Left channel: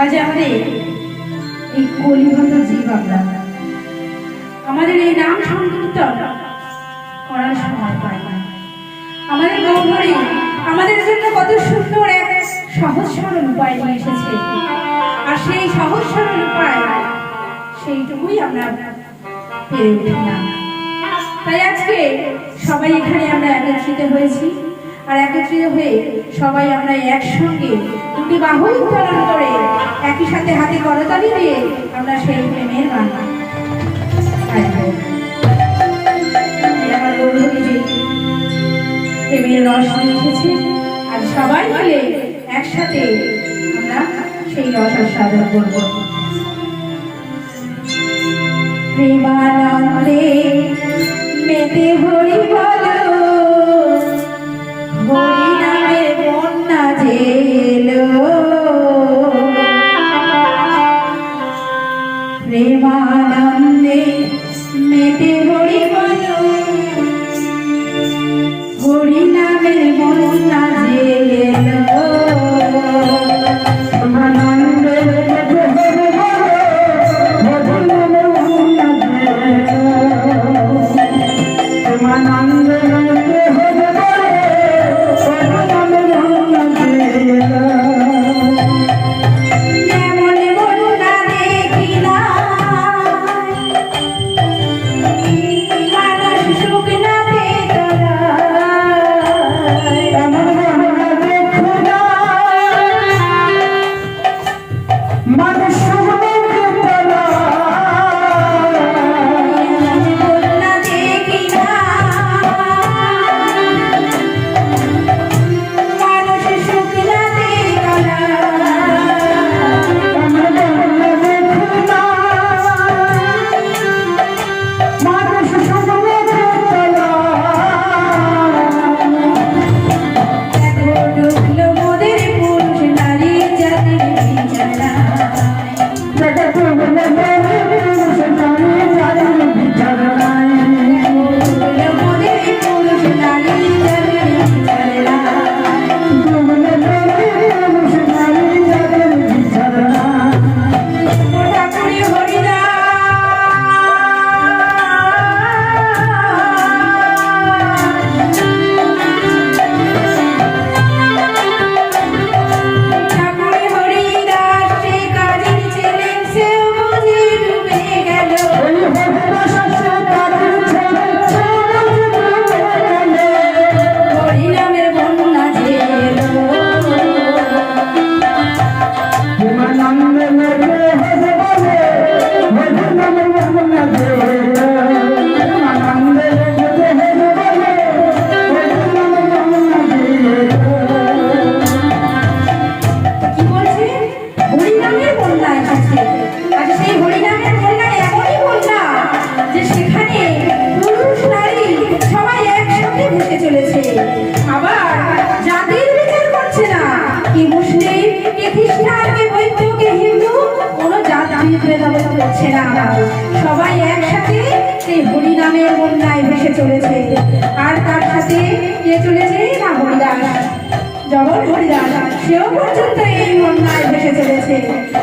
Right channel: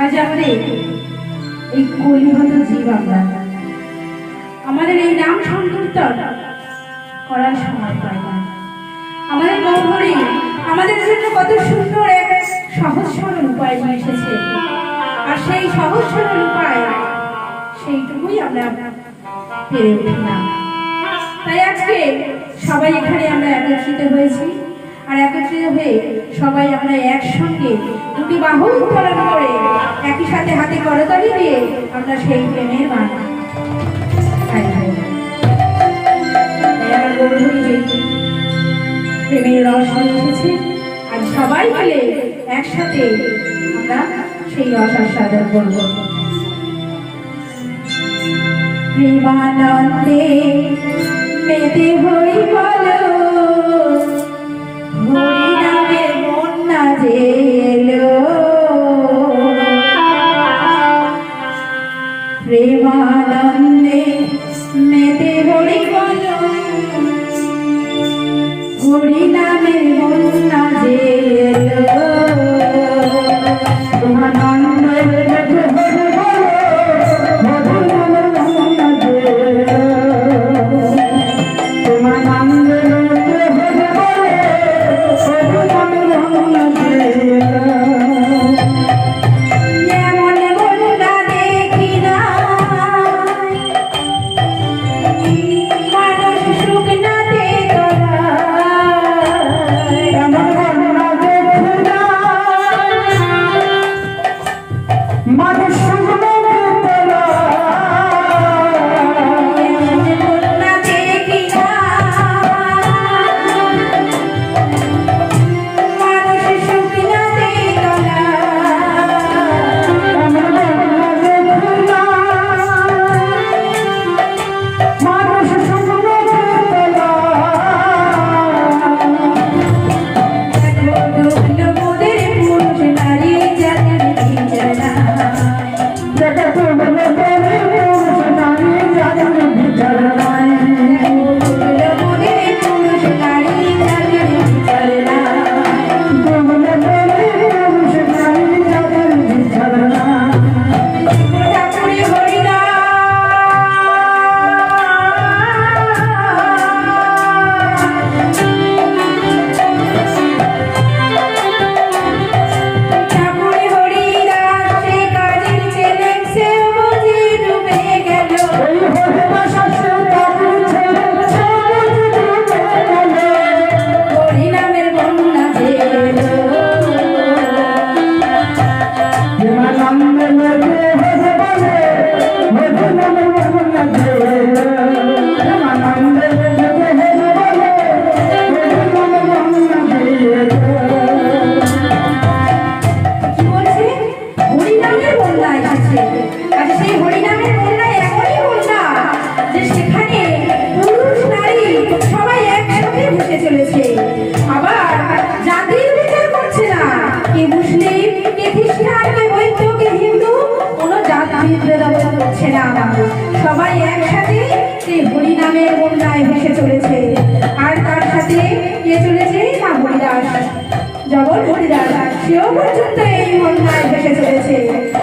আজ আমাদের এই কলিগত জীব আমাদের এই নাম সংকীর্তন করার সময় পায় না। আমাদের গৌরী আমাদের জন্য কত সুন্দর এক সহজ সরল উপায় নিয়ে এসেছে, আর সেই সহজ সরল উপায় সেইটুকুই আমরা পেরে উঠি না। তাই আজকে সবাই এখানে আমরা একত্রিত হয়েছি, আর একত্রিত হয়ে সবাই আমরা একসঙ্গে দুটি বাহু উত্তোলন করে একই সাথে হাতে করতালি দিয়ে আমরা সেই প্রেমের গান প্রেমের রস লিখেছি, আর সবাই মিলে একসাথে আমরা সেই রস আস্বাদন করব। প্রেমানন্দে মেতে হরি বলো, হরি নামে বন্যা যে এলো, প্রেমানন্দে মেতে হরি বলো, হরি নামের বন্যা যে এলো। সবাই একসাথে সেই হরি নামের বন্যায় ভেসে চলেছে, আর তার সাথে কে চলেছে না হরিদাস, জগৎ হরিদাস, সেও পর্যন্ত এই বন্যায় ভেসে চলেছে।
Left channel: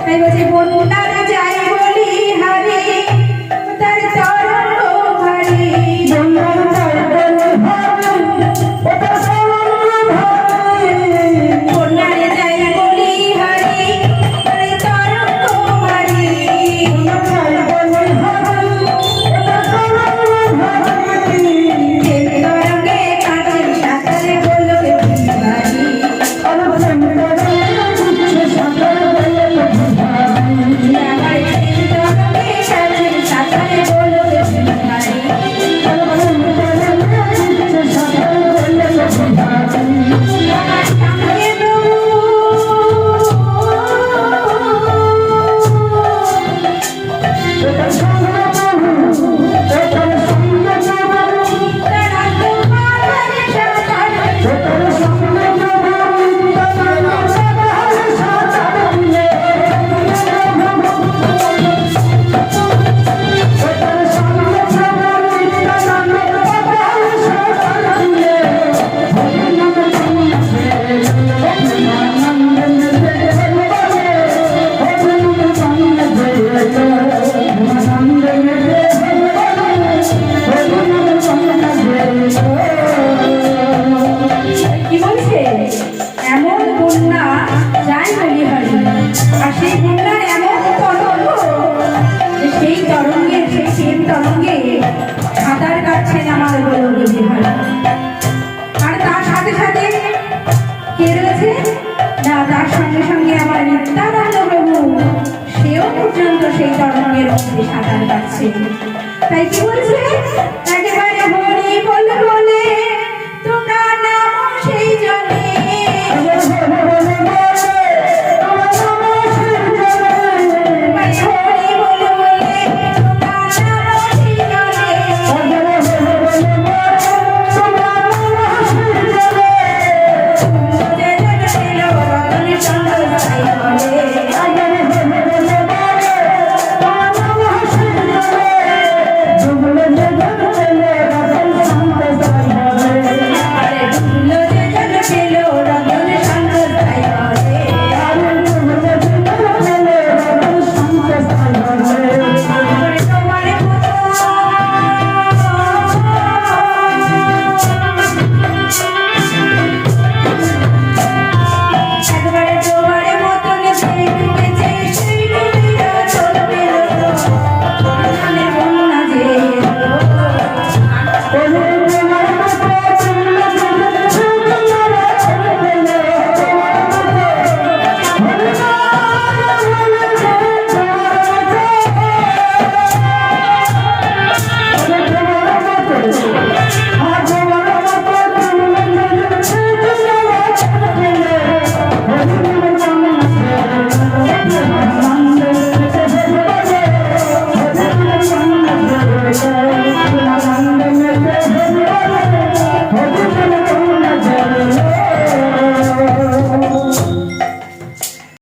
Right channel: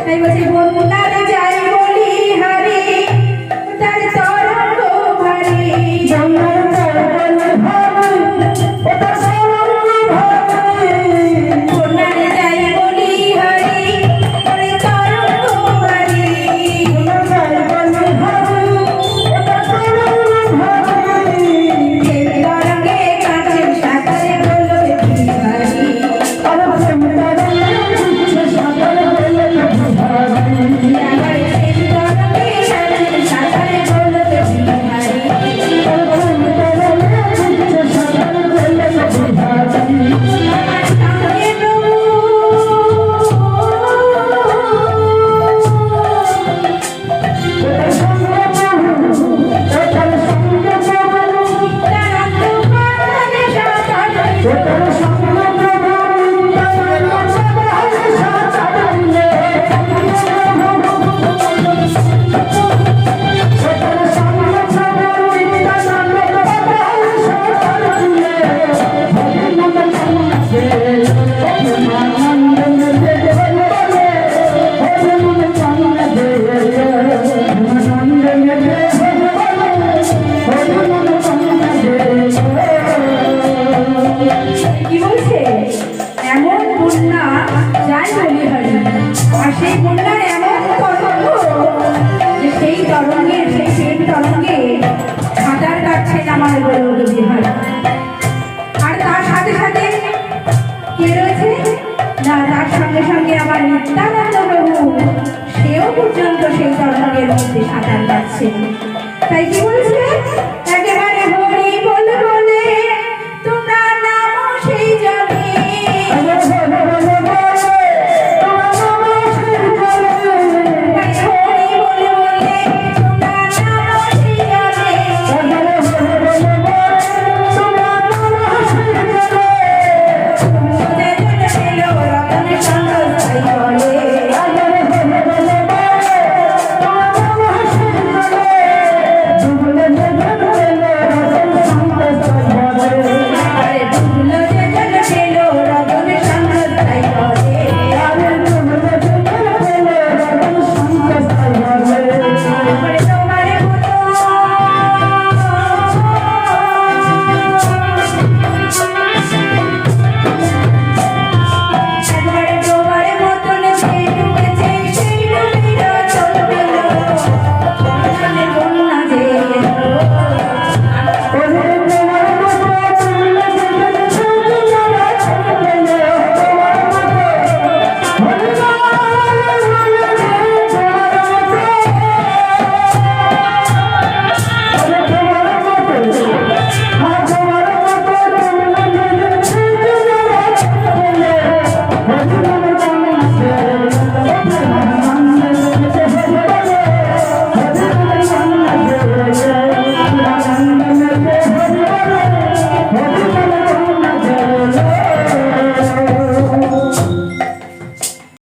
তাই বলছি বন্যারে যাই বলি হারে, তার তরঙ্গ ভারী, বন্যারে যাই বলি হারে, তার তরঙ্গ ভারী, তরঙ্গে কাছে সাঁতারে গোলকে ভারী, যাচ্ছে। তাই কি বলছে, একেবারে হরি বলে বলে তোমরা নামো সেই